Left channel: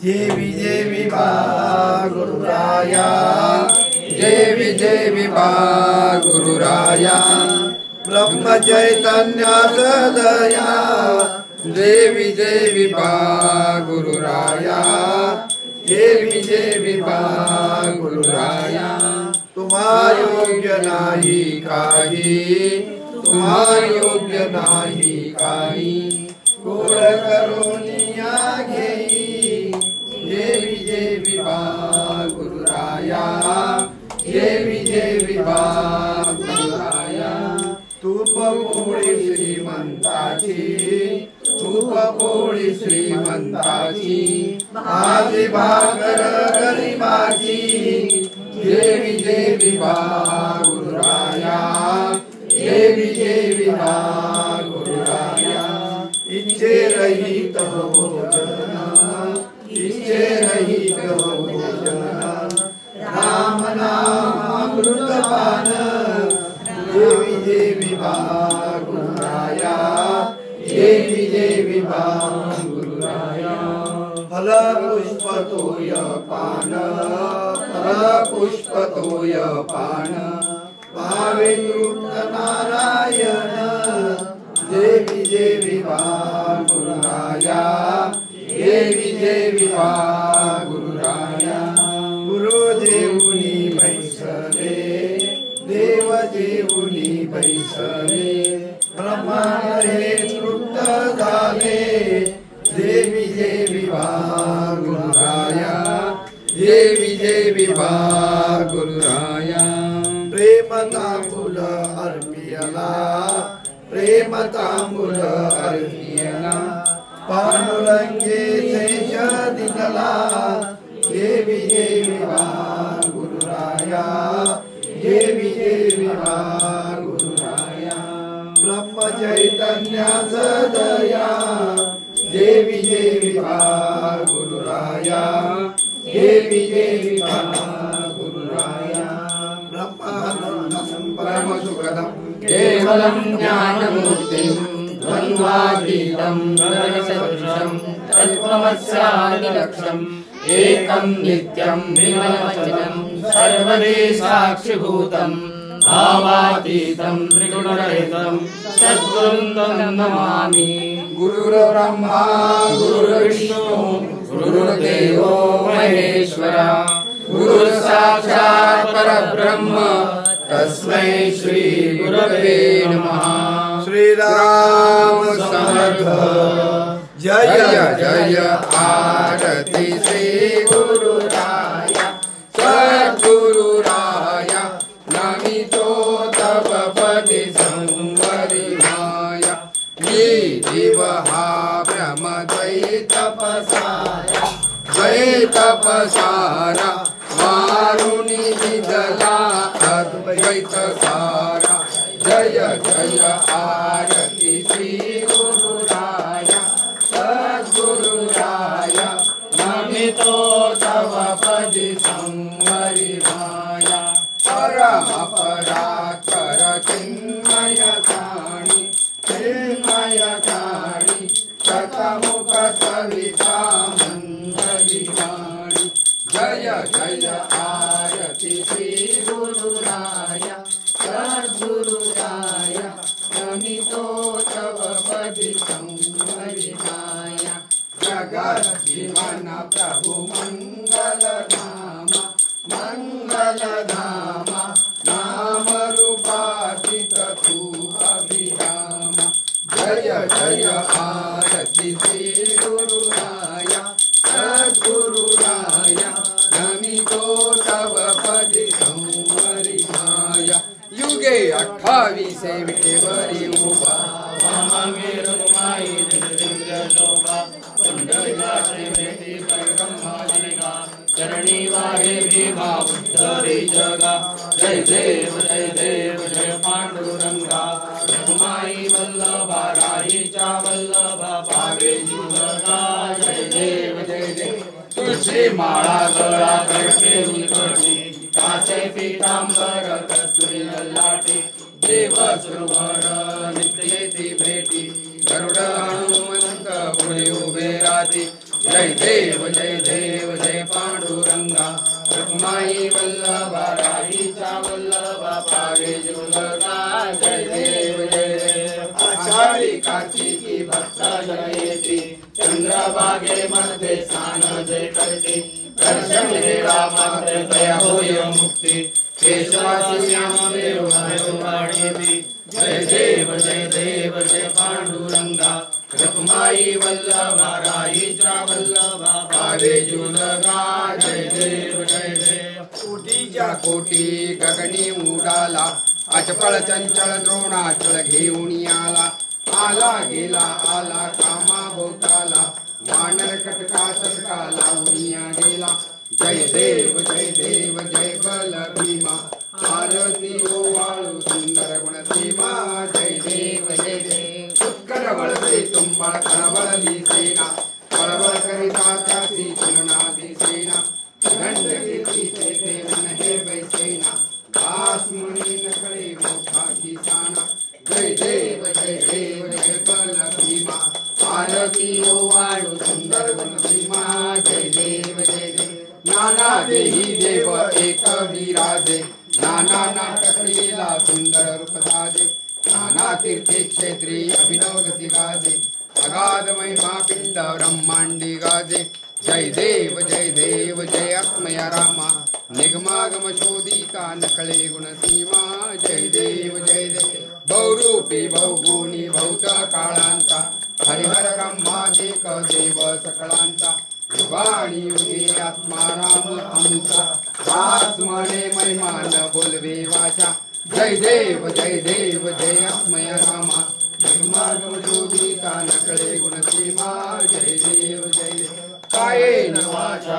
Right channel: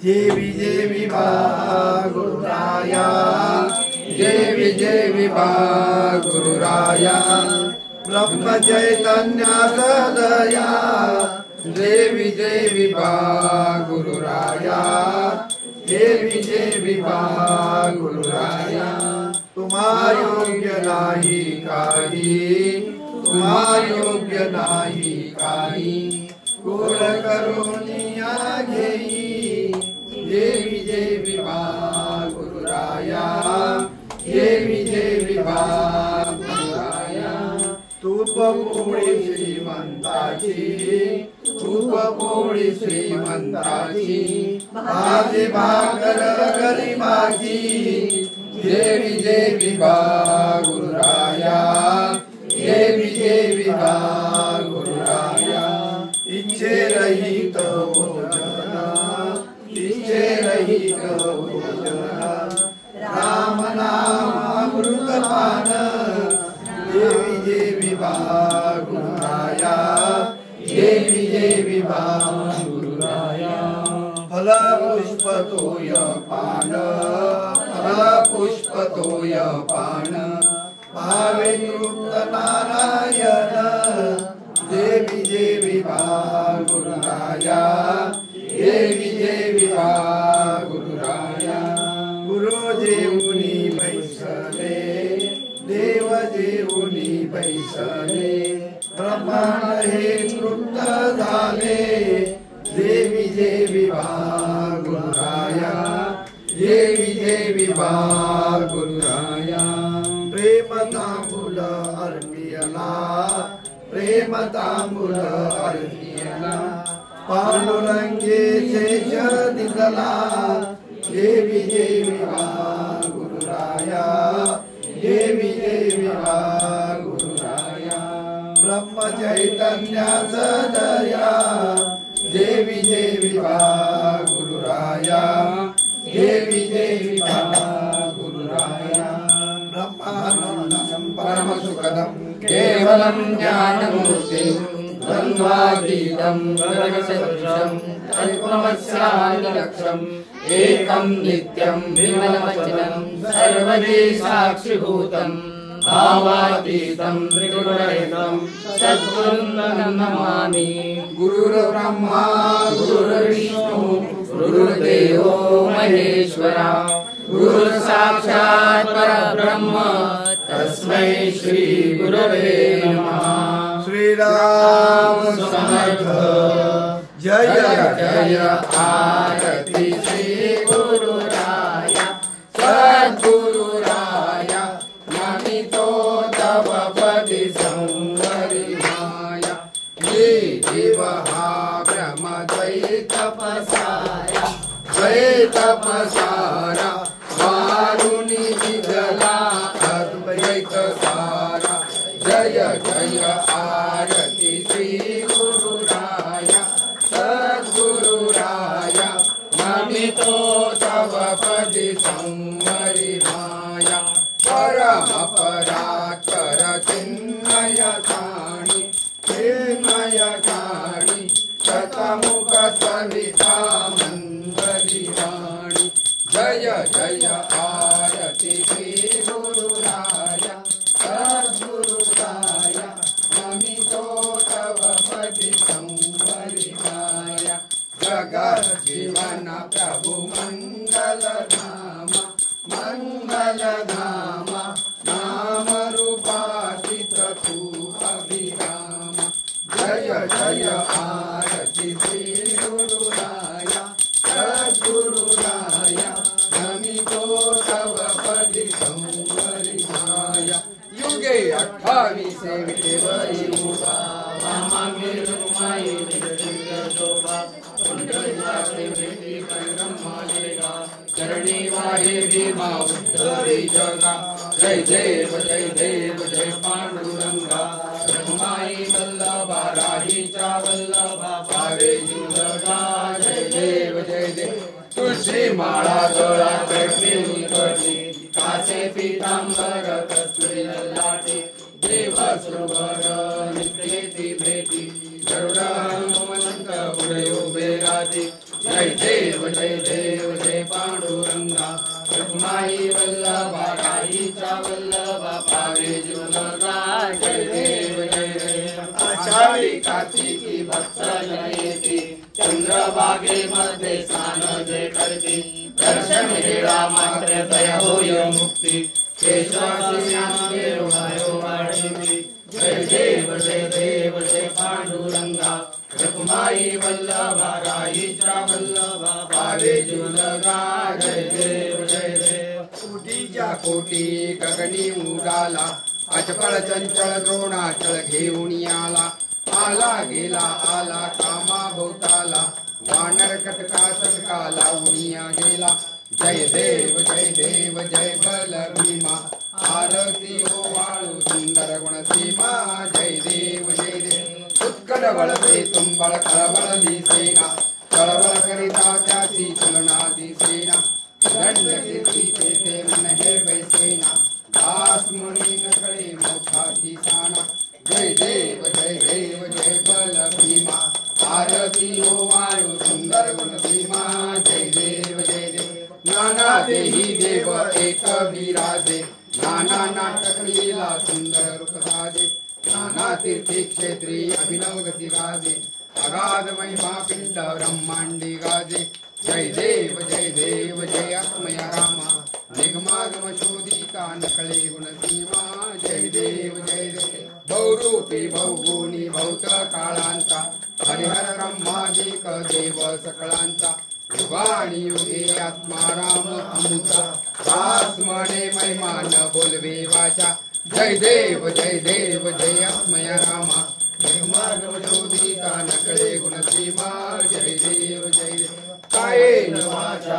जेवी जेवी बा गुरुराया, जेवी जेवी बा गुरुराया, ब्रह्म चैतन्य सदया, जेवी जेवी बा गुरुराया, जेवी जेवी बा गुरुराया। तुम्हा योग्य नाही काही, तुम्हा योग्य नाही काही, कोड करुनिया घेई, जेवी जेवी बा गुरुराया, जेवी जेवी बा गुरुराया। तूप पोळी श्रीमंताची, तूप पोळी श्रीमंताची, भाजी भाकर गरिबाची, जेवी जेवी बा गुरुराया, जेवी जेवी बा गुरुराया। इच्छे रहित भोजन, इच्छे रहित भोजन, राम नाम अमृतपान, जेवी जेवी बा गुरुराया, जेवी जेवी बा गुरुराया। फल पुष्प तोय पान, फल पुष्प तोय पान, भावे तृप्त नारायण, जेवी जेवी बा गुरुराया, जेवी जेवी बा गुरुराया। गुरु जेऊनी बैसले, देव जेऊनी बैसले, ब्रह्मांड हे तृप्त झाले, जेवी जेवी बा गुरुराया, जेवी जेवी बा गुरुराया। प्रेम तांबूल अर्पियला, प्रेम तांबूल अर्पियला, पांडुरंगे शेष दिदला, जेवी जेवी बा गुरुराया, जेवी जेवी बा गुरुराया। ब्रह्म चैतन्य सदया, जेवी जेवी बा गुरुराया, जेवी जेवी बा गुरुराया। ब्रह्मानंदं परमसुखदं केवलं ज्ञानमूर्तिं, द्वन्द्वातीतं गगनसदृशं, तत्त्वमस्यादिलक्ष्यम्, एकं नित्यं विमलवचनं, सर्वदे साक्षिभूतं, भावातीतं त्रिगुणरहितं, सद्गुरुं नमामि। गुरुर्ब्रह्मा गुरुर्विष्णु गुरुर्देवो महेश्वरा, गुरुसाक्षात् परब्रह्म, तस्मै श्री गुरवे नमः। श्रीराम समर्थ, जय जय आरती श्री गुरुराया, सद्गुरुराया, नमितो तव पदि संवरिमाया। ये देव हा ब्रह्म द्वैतपसारा, द्वैतपसारा, मारुनि विदला अद्वैत सारा। जय जय आरती श्री गुरुराया, सद्गुरुराया, नमितो तव पदि संवरिमाया। परम परात्पर चिन्मय काणि, चिन्मय काणि, शतमुख सविता मंगलिवाणि। जय जय आरती श्री गुरुराया, सद्गुरुराया, नमितो तव पदि संवरिमाया। जगत जीवन प्रभु मंगल धाम, मंगल धाम, नाम रूपातीत तू अभिराम। जय जय आरती श्री गुरुराया, सद्गुरुराया, नमितो तव पदि संवरिमाया। युगे 28 विटेवरी उभा, वामांगे शोभा, कुंडलिकासे भेटी परब्रह्मालिका, चरणी वाहे भीमा उद्धरी जगा। जय देव जय देव जय पांडुरंगा, रघुमाई वल्लभा, राहीचा वल्लभा, पावे जगा। जय देव जय देव, तुळशी माळा गळ्यात प्रेमी करणी, कासे पीतांबर कस्तुरी ललाटे, देव सुवर्ण नित्येती भेटी, गरुड हनुमंत पुढे उभे राहते, जय देव जय पांडुरंगा रखमाई वल्लभा राहीचा वल्लभा पावे जीवलगा जय देव आषाढी कार्तिकी भक्त जयती चंद्रभागेमध्ये स्नान जे करते दर्शन हेळा मात्र दया होय मुक्ती केशवासी नामदेव वाढेती जय देव जय पांडुरंगा रखमाई वल्लभा राहीचा वल्लभा पावे जीवलगा जय देव कोटीच्या कोटी गगनी उडाला अचपळ चंचल दोनाचळ घेऊन आला गेला आला कामा भोवताला वानर कटका सटका लावूनिया गेला जय देव जय बल भीमा आरती ओवाळू सुंदर गुण सीमा जय देव उत्कट बळते तुंबळ कळवळली सेना कळवळ करिता त्याची चलनादी सेना दंड कीर्तीचे ते मन हे वैसेना दास मुनी नकळे मोठाची साना जय देव जय बल भीमा आरती ओवाळू सुंदर गुण भीमा जय देव नाना देही देव एक विराजे नाना नाटक लीला सुंदर रूप साजे नाना तीर्थे क्षेत्री अभिनव गती गाजे अगाध महिमा पिंड ब्रह्मांडी गाजे जय देव जय अस्मय रामा निगमागम शोधिता नकळे गुणसीमा जय देव बहुरूपी बहुगुणी बहुत काळांचा हरिहर ब्रह्मादिक देव सकळांचा युगाणी युगे आत्मा राम अमुचा दास म्हणे महिमा न बोलवे वाचा जय देव जय अस्मय रामा निगमागम शोधिता नकळे गुणसीमा जय देव कायेन वाचा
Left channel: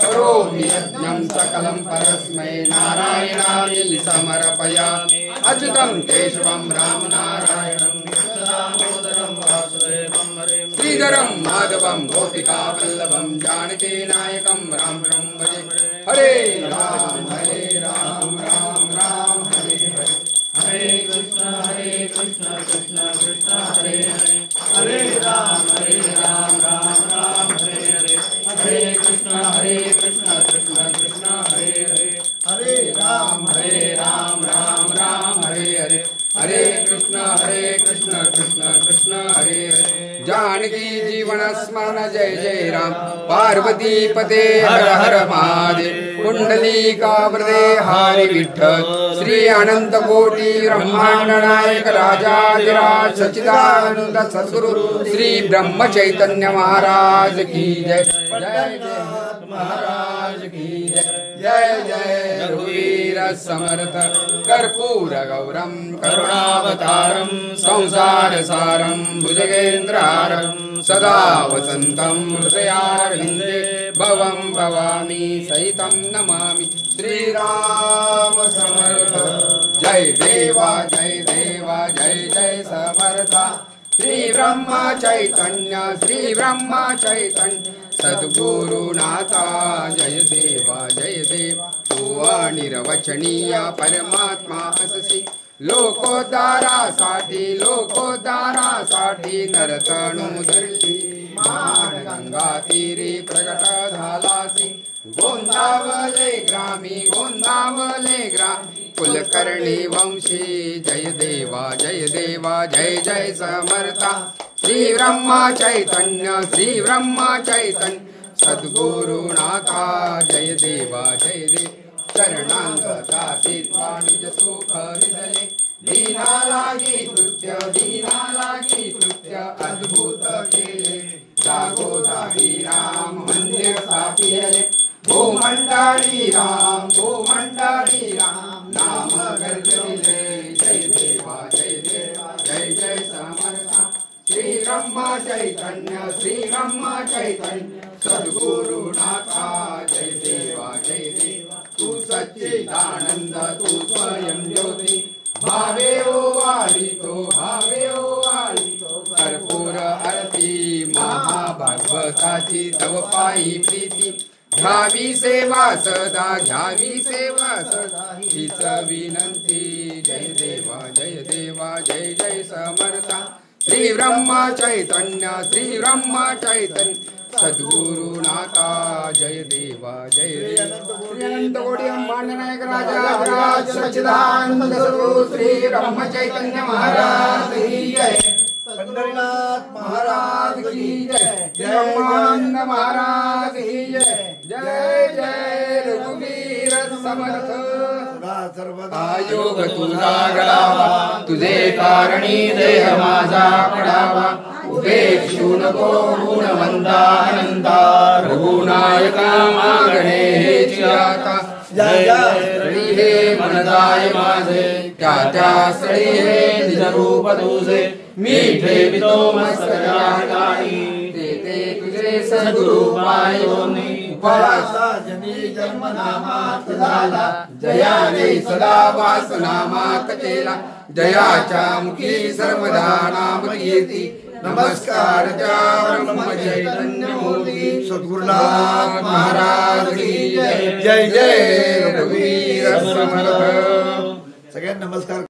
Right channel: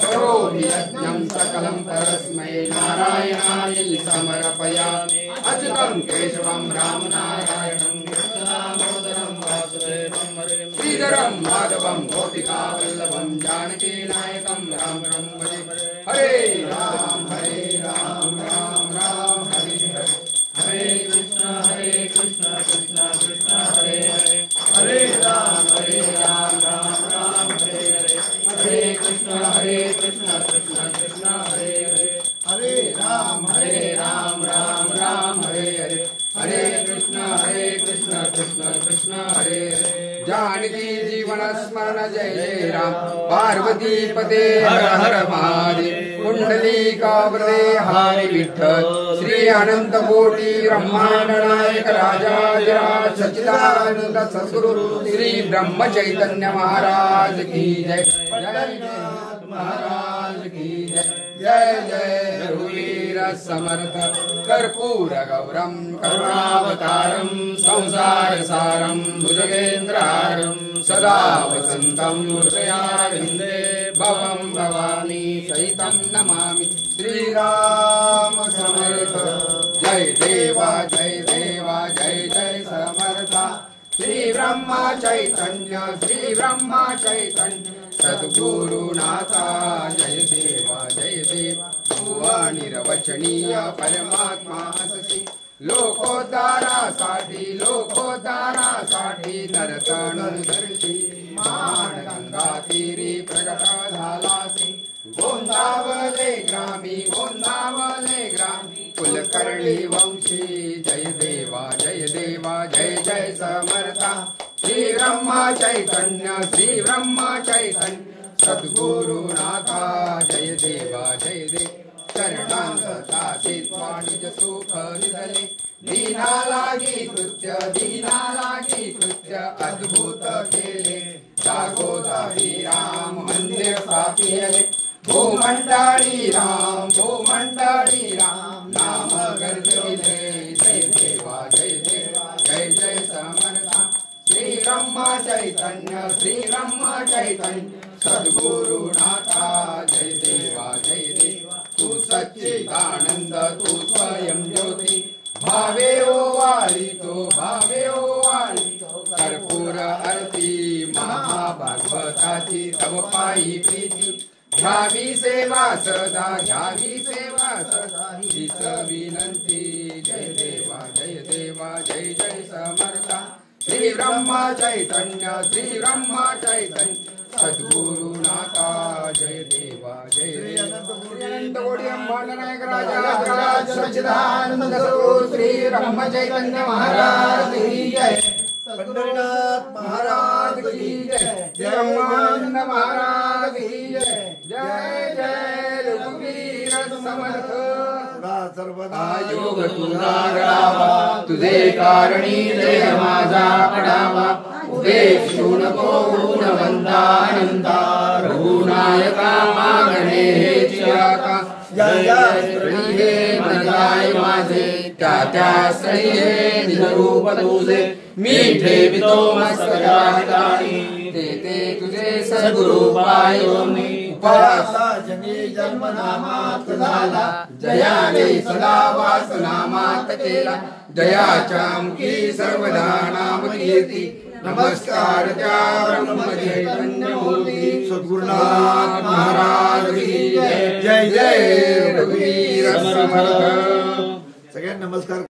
करोमि यज्ञं सकलं परस्मै नारायणाय समर्पयामि अच्युतं केशवं राम नारायणं दामोदरं वासुदेवं श्रीधरं माधवं गोपिका वल्लभं जानकी नायकं राम भजे हरे राम राम राम हरे हरे कृष्ण कृष्ण कृष्ण हरे हरे हरे राम राम राम हरे हरे हरे कृष्ण कृष्ण कृष्ण हरे हरे हरे राम राम राम हरे हरे हरे कृष्ण कृष्ण कृष्ण हरे हरे जानकी जीवन स्मरण जय राम पार्वती पते हर हर महादेव कुंडली कावरे हरि विठ्ठल श्री अनंत कोटी ब्रह्मांड नायक राजाधिराज सच्चिदानंद सद्गुरु श्री ब्रह्म चैतन्य महाराज की जय जय महाराज की जय रघुवीर समर्थ कर्पूर गौरम करुणावतारम संसार सारम भुजगेन्द्रहारम सदा वसंतं हृदयारविन्दे भवं भवामी सहितं नमामि श्रीराम समर्थ जय देवा जय समर्था श्री ब्रह्म चैतन्य सद्गुरुनाथा जय देवा तू निरवचनीय परमात्मा अससी लोकोद्धारासाठी नरतनु धरती महान गंगा तीरी प्रगट झालासी गोंदावले ग्रामी कुलकर्णी वंशी जय देवा जय समर्था श्री ब्रह्म चैतन्य सद्गुरुनाथा जय देवा शरणांगता निज सुख विधले दीना लागी कृत्य अद्भुत केले जागोदारी राम मंदिर स्थापिले भूमंडळी राम नाम गर्जविले जय देवा जय समर्था श्री ब्रह्म चैतन्य सद्गुरुनाथा जय देवा तू सच्चिदानंद तू स्वयं ज्योति भावे ओवाळितो कर्पूर आरती महाभागवताची तव पायी प्रीती घ्यावी सेवा सदा हीच विनंती जय देवा जय समर्था श्री श्री ब्रह्म चैतन्य सद्गुरु नाथा जय देवा जय अनंत कोटि ब्रह्मांड नायक राजा सच्चिदानंद स्वरूप श्री ब्रह्म चैतन्य महाराज की जय। पंढरीनाथ महाराज की जय। जय ब्रह्मानंद महाराज की जय। जय जय रघुवीर समर्थ योग तुझा गळावा तुझे कारणी देह माझा पडावा उपेक्षू नको गुणवंता अनंता रघुनायका मागणे हेची आता जय जय हे मन जाय माझे त्या श्री हे निज रूप तुझे मी ठेवितो मस्तकाई ते तुझे सद्गुरु पायो मी उपासा जनी जन्म नामात झाला जयाने सदा वास नामात केला जयाच्या मुखी सर्वदा नाम कीर्ती नमस्कार त्या ब्रह्म चैतन्य मूर्ती सद्गुरुनाथ महाराज की जय। जय जय रघुवीर समर्थ। सगळ्यांना नमस्कार।